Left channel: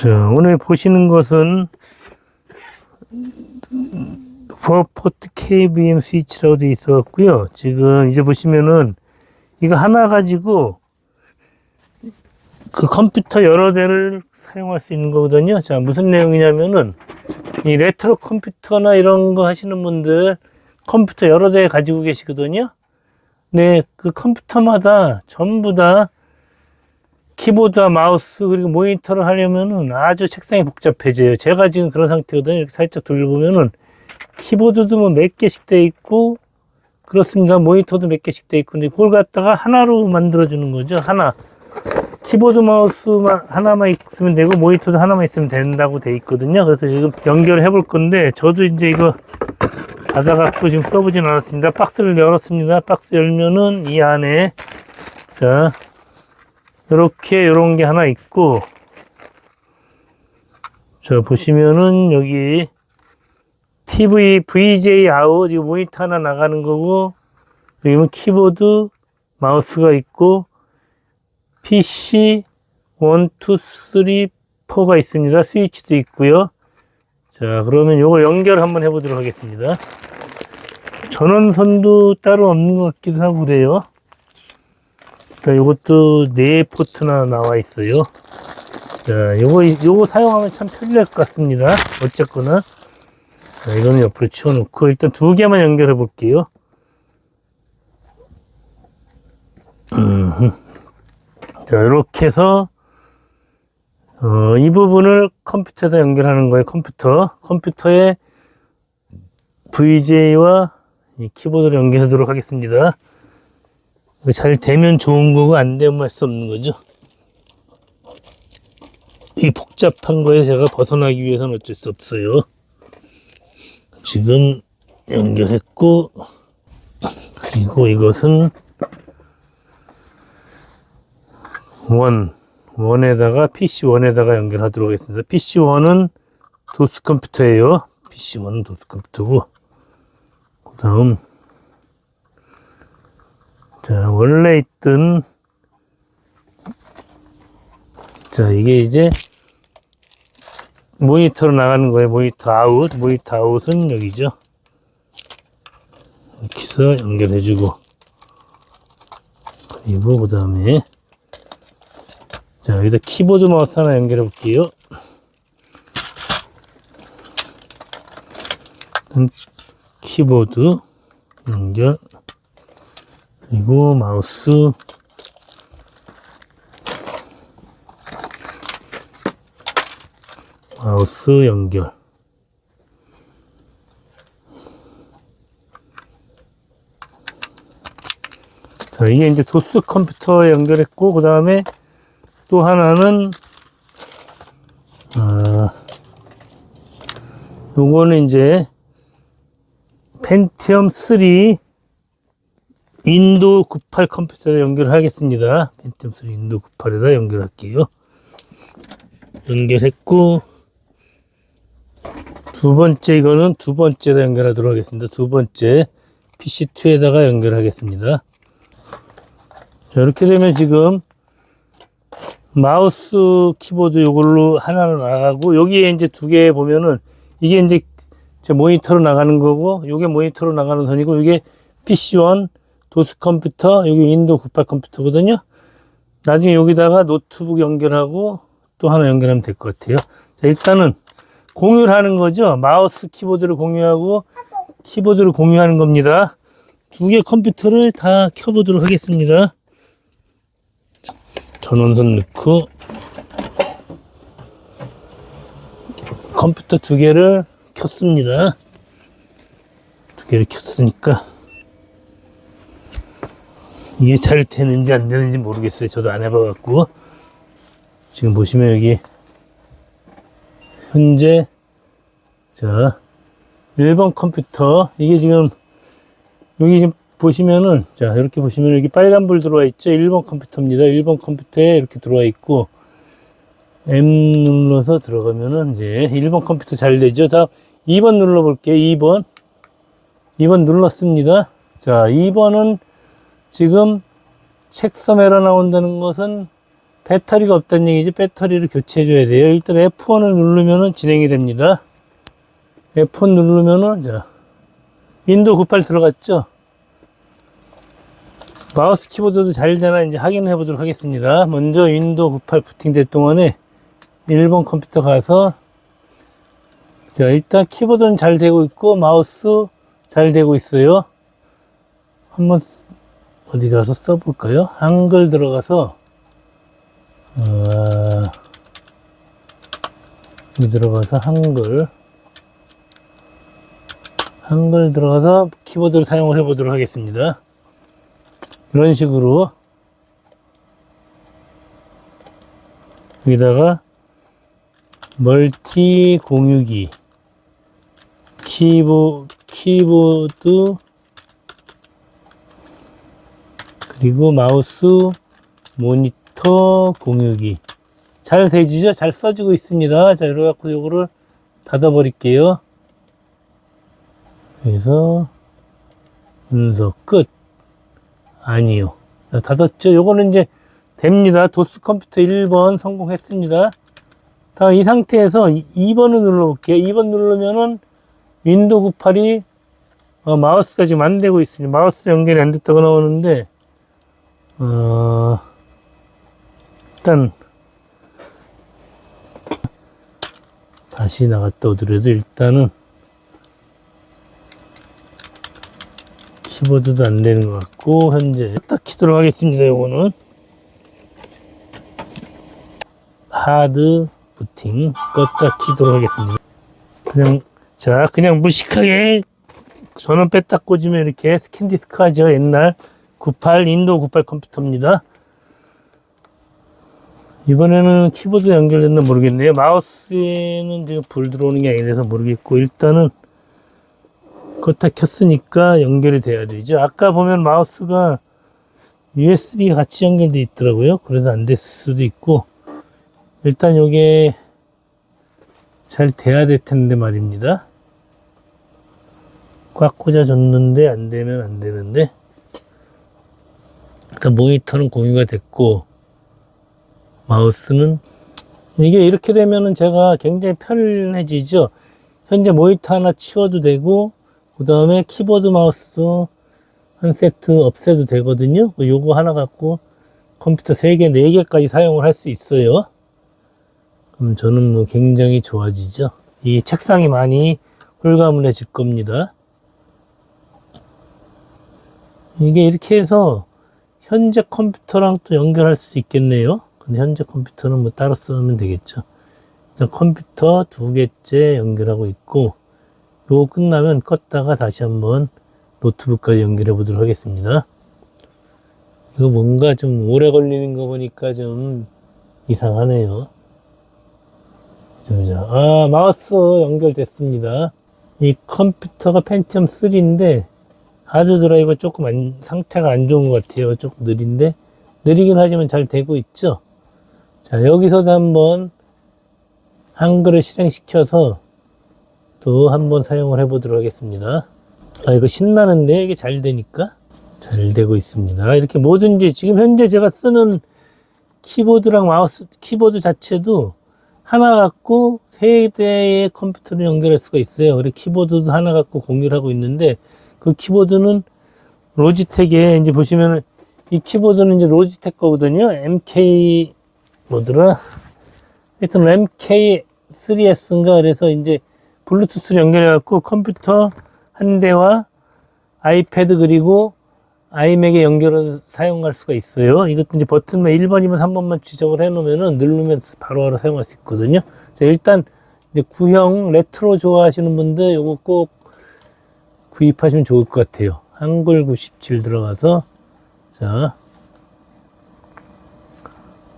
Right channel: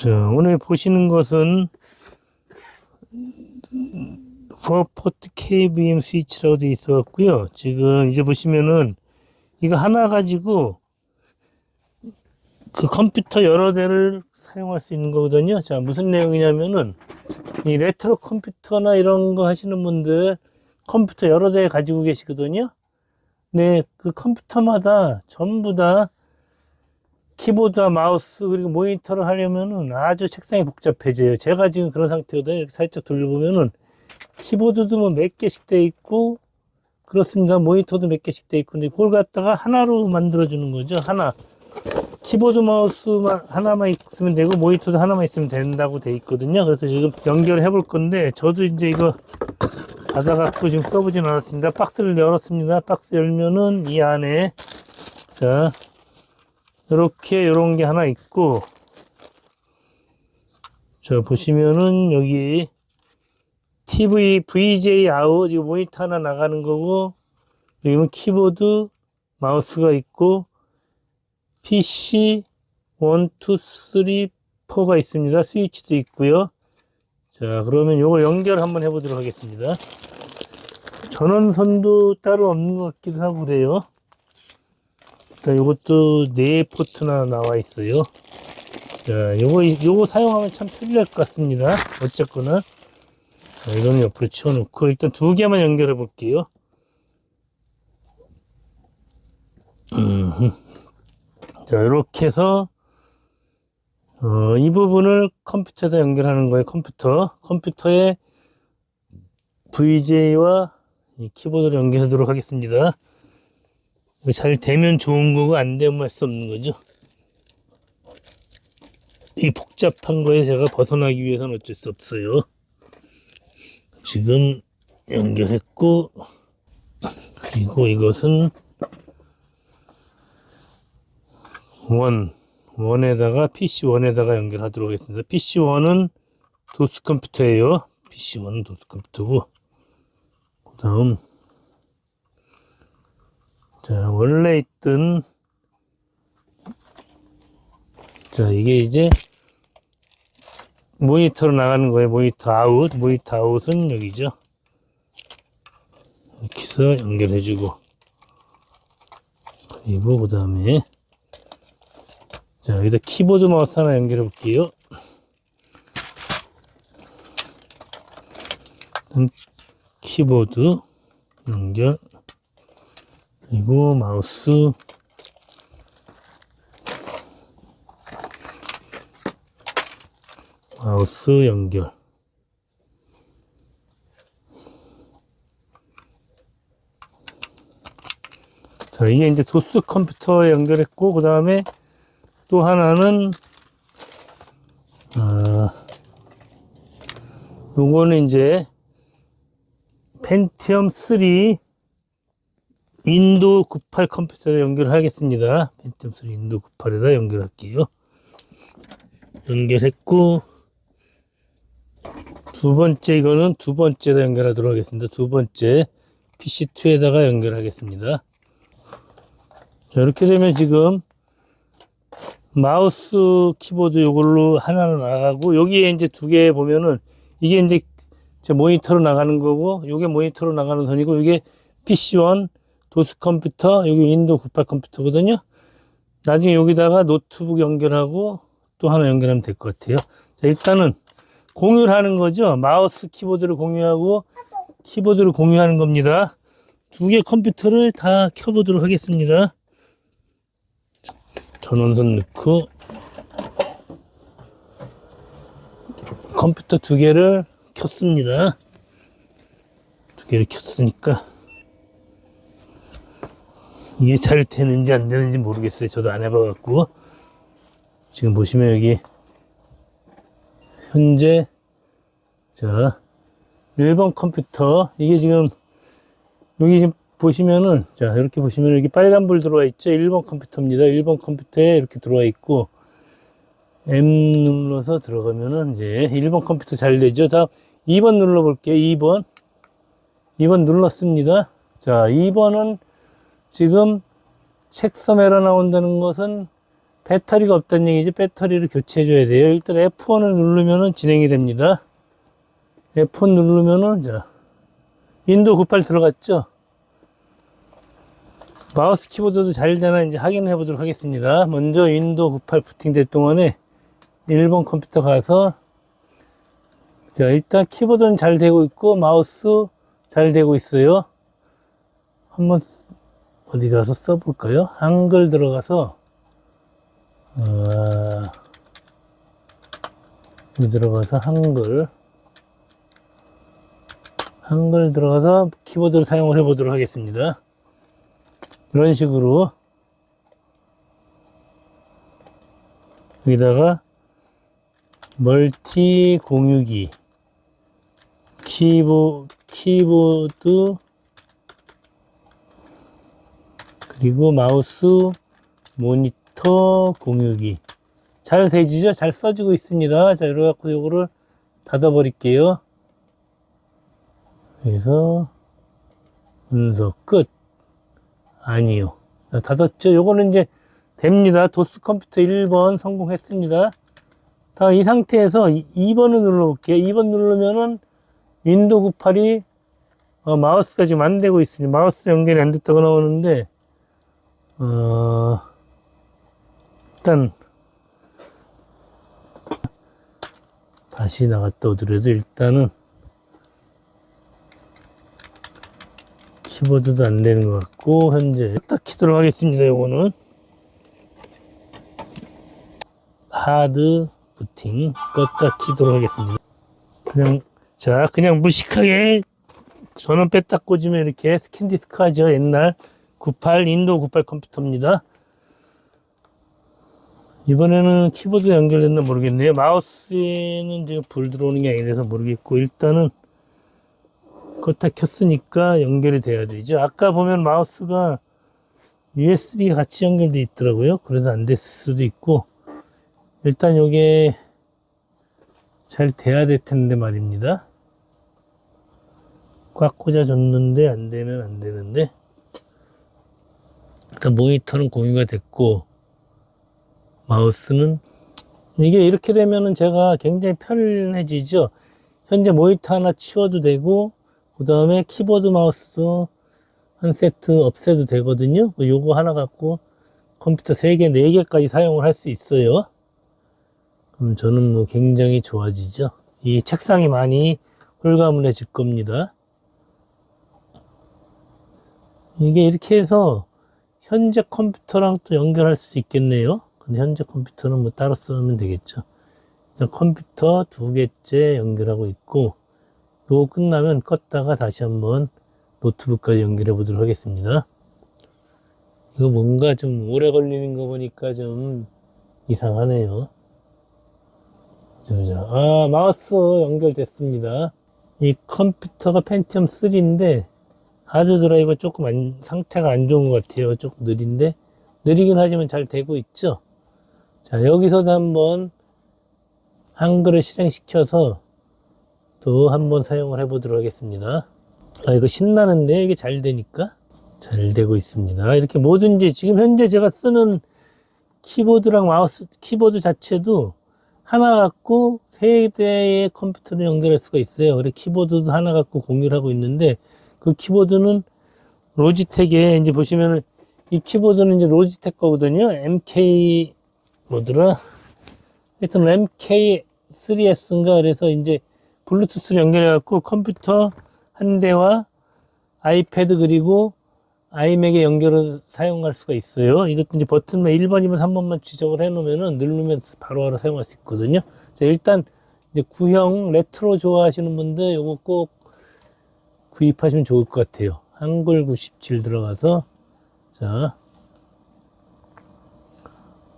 자, 오늘 보시는 것은 포포트 KBM 스위치라고 되어 있어 갖고요. 지금 이제 보시면은 이거 하나 가지고 그 컴퓨터 여러 대를 사용할 수 있는 거거든요. 자, 무슨 내용이냐면은 이 레트로 컴퓨터나 이런 거 하시는 분들 컴퓨터 여러 대 가지고 계시거든요. 네, 그 컴퓨터마다 전부 다 키보드와 마우스 그리고 모니터를 하려면은 아주 책상이 복잡해져요. 제가 지금 그런 상태거든요. 이렇게 살짝 돌려보면은 키보드도 뭐 몇 개씩 돼 있고 그렇습니다. 모니터도 몇 개씩 돼 있고 근데 그걸 갖다가 하나로 만들어 주는 거죠. 하나. 키보드 마우스만 하나만 있으면 되고 모니터도 하나만 있으면 된다고 돼 있거든요. 그래서 지금 연결해 볼 건데 저도 이제 이거 받아갖고 지금 써보진 않았습니다. 박스를 열었습니다. 박스 열면은 이 안에 자 이렇게 이런 게 하나 있고 자 보시면은 여기 TV VJ 아웃 이 모니터 하나 나가는 거고 여기는 키보드 마우스가 있고 PC 1, 2, 3, 4가 있습니다. 스위치도 있고요. 자 그러면 요거 연결 한번 해보도록 하겠습니다. 전원선도 따로 없는 것 같기도 하고 그래요. 자, 요것도 네 포트나 나와 있어요. 자, 요거, 요거 사용하면 참 편리할 것 같습니다. 어쨌거나. 자, 이거는 옆으로 치워놓고, 일단 두 개만 연결해 볼게요. 음, 자, 이렇게 해서, 어, 이 부분을 컴퓨터에다 연결하는 거예요. 컴퓨터. 컴퓨터에 VJ와 이 키보드를 연결하도록 하겠습니다. 이거 잘 되면 좋은 거고 안 되면 할 수 없는 거죠. 이 복잡한 거에 제가 벗어나기 위해서는 어쩔 수 없어요. 지금 연결했고 그리고 이것은 원 원에다가 PC 원에다가 연결하도록 하겠습니다. PC 원은 도스 컴퓨터예요. PC 원은 도스 컴퓨터고 그 다음 자, 원래 있던, 자, 이게 이제 모니터로 나가는 거예요. 모니터 아웃. 모니터 아웃은 여기죠. 이렇게 해서 연결해 주고. 그리고 그 다음에, 자, 여기다 키보드 마우스 하나 연결해 볼게요. 음, 키보드 연결. 그리고 마우스. 마우스 연결. 자 이게 이제 도스 컴퓨터에 연결했고 그 다음에 또 하나는 아 요거는 이제 펜티엄 3 인도 98 컴퓨터에 연결하겠습니다. 펜텀 3 인도 98에다 연결할게요. 연결했고 두 번째 이거는 두 번째다 연결하도록 하겠습니다. 두 번째 PC2에다가 연결하겠습니다. 자, 이렇게 되면 지금 마우스 키보드 이걸로 하나로 나가고 여기에 이제 두 개 보면은 이게 이제 제 모니터로 나가는 거고 이게 모니터로 나가는 선이고 이게 PC1 도스 컴퓨터, 여기 인도 98 컴퓨터거든요. 나중에 여기다가 노트북 연결하고 또 하나 연결하면 될 것 같아요. 자, 일단은 공유를 하는 거죠. 마우스 키보드를 공유하고 키보드를 공유하는 겁니다. 두 개 컴퓨터를 다 켜보도록 하겠습니다. 전원선 넣고 컴퓨터 두 개를 켰습니다. 두 개를 켰으니까 이게 잘 되는지 안 되는지 모르겠어요. 저도 안 해봐갖고. 지금 보시면 여기, 현재, 자, 1번 컴퓨터. 이게 지금, 여기 지금 보시면은, 자, 이렇게 보시면 여기 빨간불 들어와 있죠. 1번 컴퓨터입니다. 1번 컴퓨터에 이렇게 들어와 있고, M 눌러서 들어가면은, 이제 1번 컴퓨터 잘 되죠. 다음 2번 눌러볼게요. 2번. 2번 눌렀습니다. 자, 2번은 지금 책섬 에러 나온다는 것은 배터리가 없다는 얘기지 배터리를 교체해 줘야 돼요. 일단 F1을 누르면은 진행이 됩니다. F1 누르면은 자 윈도우 98 들어갔죠? 마우스 키보드도 잘 되나 이제 확인해 보도록 하겠습니다. 먼저 윈도우 98 부팅될 동안에 일본 컴퓨터 가서 자 일단 키보드는 잘 되고 있고 마우스 잘 되고 있어요. 한번 어디 가서 써볼까요? 한글 들어가서 어, 여기 들어가서 한글 한글 들어가서 키보드를 사용을 해 보도록 하겠습니다. 이런 식으로 여기다가 멀티 공유기 키보, 키보드 그리고 마우스 모니터 공유기 잘 되지죠? 잘 써지고 있습니다. 자, 이래 갖고 요거를 닫아 버릴게요. 그래서 분석 끝. 아니요. 자, 닫았죠? 요거는 이제 됩니다. 도스 컴퓨터 1번 성공했습니다. 다 이 상태에서 2번을 눌러볼게요. 2번 누르면은 윈도우 98이 어, 마우스가 지금 안 되고 있으니 마우스 연결이 안 됐다고 나오는데 어, 일단 다시 나갔다 오더라도 일단은 키보드도 안 되는 것 같고 현재 딱 키도록 하겠습니다 요거는. 하드 부팅 껐다 키도록 하겠습니다. 그냥 자 그냥 무식하게 전원 뺐다 꽂으면 이렇게 스킨 디스크 하죠 옛날 98 인도 98 컴퓨터입니다. 이번에는 키보드 연결됐나 모르겠네요. 마우스에는 지금 불 들어오는 게 아니라서 모르겠고 일단은 껐다 켰으니까 연결이 돼야 되죠. 아까 보면 마우스가 USB 같이 연결돼 있더라고요. 그래서 안 됐을 수도 있고 일단 요게 잘 돼야 될 텐데 말입니다. 꽉 꽂아줬는데 안 되면 안 되는데 일단 모니터는 공유가 됐고 마우스는 이게 이렇게 되면은 제가 굉장히 편해지죠. 현재 모니터 하나 치워도 되고 그 다음에 키보드 마우스 한 세트 없애도 되거든요. 요거 하나 갖고 컴퓨터 3개 4개까지 사용을 할 수 있어요. 그럼 저는 뭐 굉장히 좋아지죠. 이 책상이 많이 홀가분해질 겁니다. 이게 이렇게 해서 현재 컴퓨터랑 또 연결할 수 있겠네요. 근데 현재 컴퓨터는 뭐 따로 쓰면 되겠죠. 일단 컴퓨터 두 개째 연결하고 있고, 요거 끝나면 껐다가 다시 한번 노트북까지 연결해 보도록 하겠습니다. 이거 뭔가 좀 오래 걸리는 거 보니까 좀 이상하네요. 자, 아, 마우스 연결됐습니다. 이 컴퓨터가 펜티엄 3인데, 하드 드라이버 조금 안- 상태가 안 좋은 것 같아요. 조금 느린데 느리긴 하지만 잘 되고 있죠. 자 여기서도 한번 한글을 실행시켜서 또 한번 사용을 해보도록 하겠습니다. 아 이거 신나는데 이게 잘 되니까 잘 되고 있습니다. 이렇게 뭐든지 지금 현재 제가 쓰는 키보드랑 마우스 키보드 자체도 하나 갖고 세 대의 컴퓨터를 연결할 수가 있어요. 그래 키보드도 하나 갖고 공유를 하고 있는데 그 키보드는 로지텍에 이제 보시면은 이 키보드는 이제 로지텍 거거든요. MK 뭐더라? 하여튼 MK3S인가 그래서 이제 블루투스를 연결해 갖고 컴퓨터 한 대와 아이패드 그리고 아이맥에 연결해서 사용할 수가 있어요. 이것도 이제 버튼만 1번이면 3번만 지정을 해 놓으면은 누르면 바로바로 사용할 수 있거든요. 자, 일단 이제 구형 레트로 좋아하시는 분들 요거 꼭 구입하시면 좋을 것 같아요. 한글 97 들어가서 자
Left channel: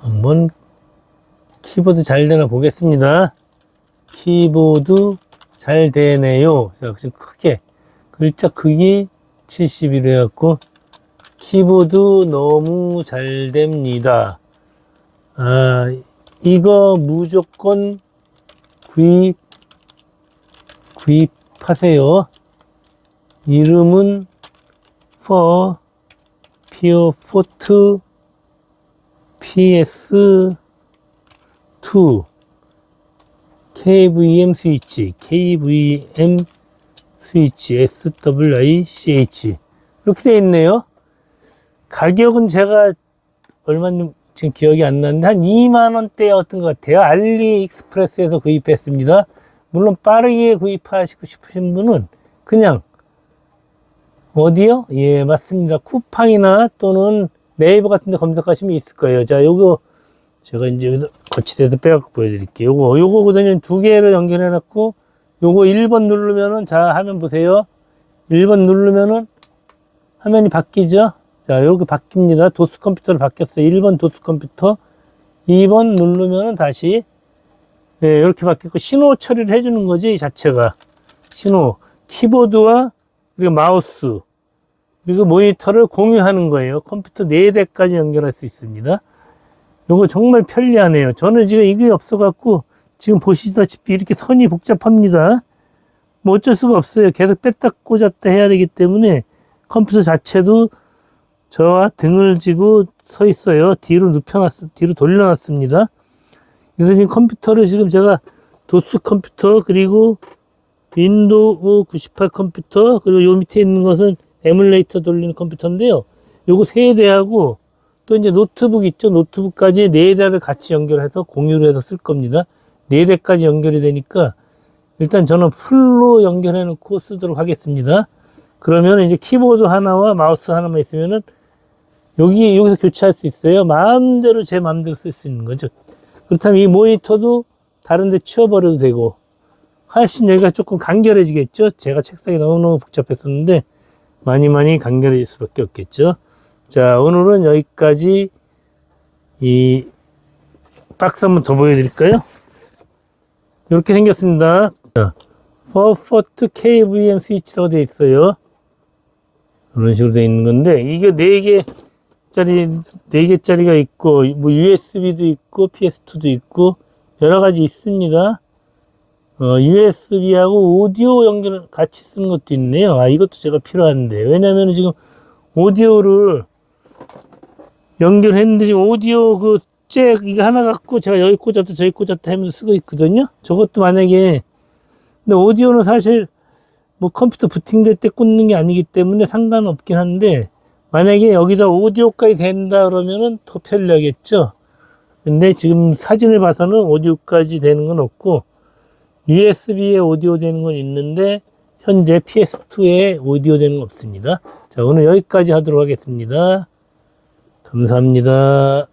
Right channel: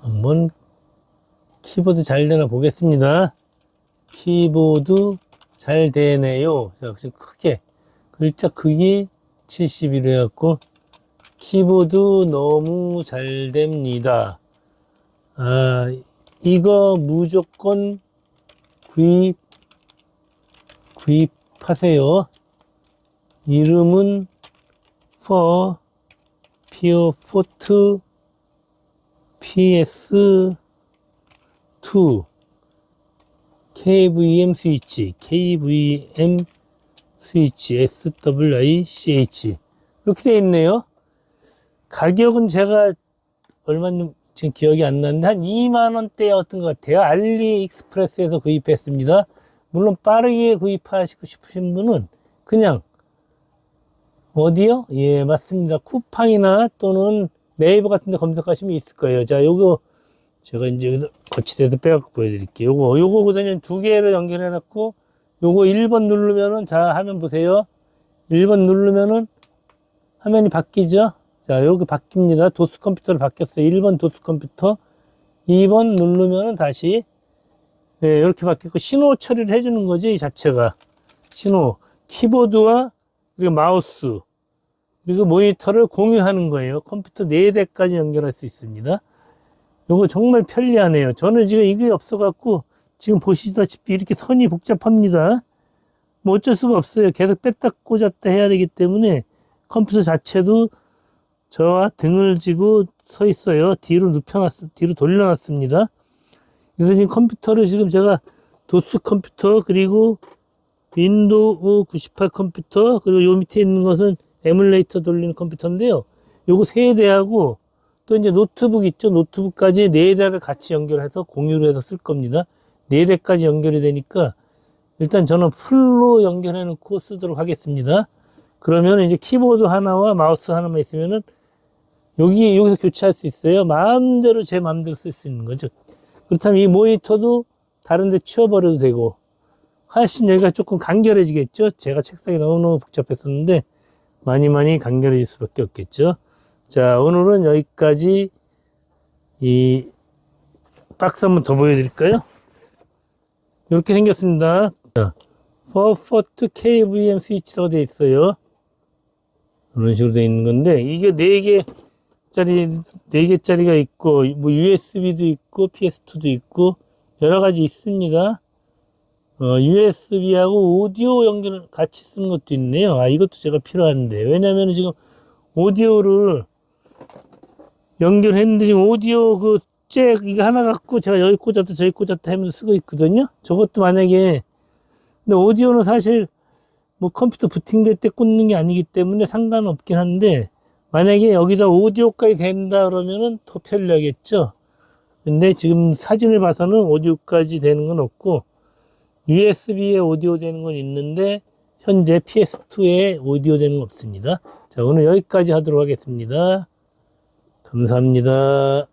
한번 키보드 잘 되나 보겠습니다. 키보드 잘 되네요. 자, 지금 크게 글자 크기 71 해갖고 키보드 너무 잘 됩니다. 아 이거 무조건 구입 구입하세요. 이름은 for 피어 포트 PS2 KVM 스위치, KVM 스위치, SWICH 이렇게 되어 있네요. 가격은 제가 얼마인지 지금 기억이 안 나는데 한 2만 원대였던 것 같아요. 알리익스프레스에서 구입했습니다. 물론 빠르게 구입하시고 싶으신 분은 그냥 어디요? 예, 맞습니다. 쿠팡이나 또는 네이버 같은 데 검색하시면 있을 거예요. 자, 요거 제가 이제 거치대에서 빼갖고 보여드릴게요. 요거, 요거거든요. 두 개를 연결해놨고 요거 1번 누르면은 자, 화면 보세요. 1번 누르면은 화면이 바뀌죠? 자, 이렇게 바뀝니다. 도스 컴퓨터로 바뀌었어요. 1번 도스 컴퓨터. 2번 누르면 다시, 네, 이렇게 바뀌고, 신호 처리를 해주는 거지, 이 자체가. 신호. 키보드와, 그리고 마우스, 그리고 모니터를 공유하는 거예요. 컴퓨터 4대까지 연결할 수 있습니다. 이거 정말 편리하네요. 저는 지금 이게 없어갖고, 지금 보시다시피 이렇게 선이 복잡합니다. 뭐 어쩔 수가 없어요. 계속 뺐다 꽂았다 해야 되기 때문에 컴퓨터 자체도 저와 등을 지고 서 있어요. 뒤로 눕혀놨, 뒤로 돌려놨습니다. 그래서 지금 컴퓨터를 지금 제가 도스 컴퓨터 그리고 윈도우 98 컴퓨터 그리고 요 밑에 있는 것은 에뮬레이터 돌리는 컴퓨터인데요. 요거 세 대하고 또 이제 노트북 있죠. 노트북까지 네 대를 같이 연결해서 공유를 해서 쓸 겁니다. 네 대까지 연결이 되니까 일단 저는 풀로 연결해 놓고 쓰도록 하겠습니다. 그러면 이제 키보드 하나와 마우스 하나만 있으면은 여기 여기서 교체할 수 있어요. 마음대로 제 마음대로 쓸 수 있는 거죠. 그렇다면 이 모니터도 다른 데 치워버려도 되고 훨씬 여기가 조금 간결해지겠죠. 제가 책상이 너무너무 복잡했었는데 많이 많이 간결해질 수밖에 없겠죠. 자 오늘은 여기까지 이 박스 한번 더 보여드릴까요? 이렇게 생겼습니다. 자, 퍼포트 KVM 스위치라고 되어 있어요. 이런 식으로 되어 있는 건데 이게 4개짜리 4개짜리가 있고 뭐 USB도 있고 PS2도 있고 여러 가지 있습니다. 어, USB하고 오디오 연결 같이 쓰는 것도 있네요. 아 이것도 제가 필요한데 왜냐면 지금 오디오를 연결했는데 지금 오디오 그 잭 이거 하나 갖고 제가 여기 꽂았다 저기 꽂았다 하면서 쓰고 있거든요. 저것도 만약에 근데 오디오는 사실 뭐 컴퓨터 부팅될 때 꽂는 게 아니기 때문에 상관없긴 한데 만약에 여기다 오디오까지 된다 그러면은 더 편리하겠죠. 근데 지금 사진을 봐서는 오디오까지 되는 건 없고 USB에 오디오 되는 건 있는데 현재 PS2에 오디오 되는 건 없습니다. 자 오늘 여기까지 하도록 하겠습니다. 감사합니다.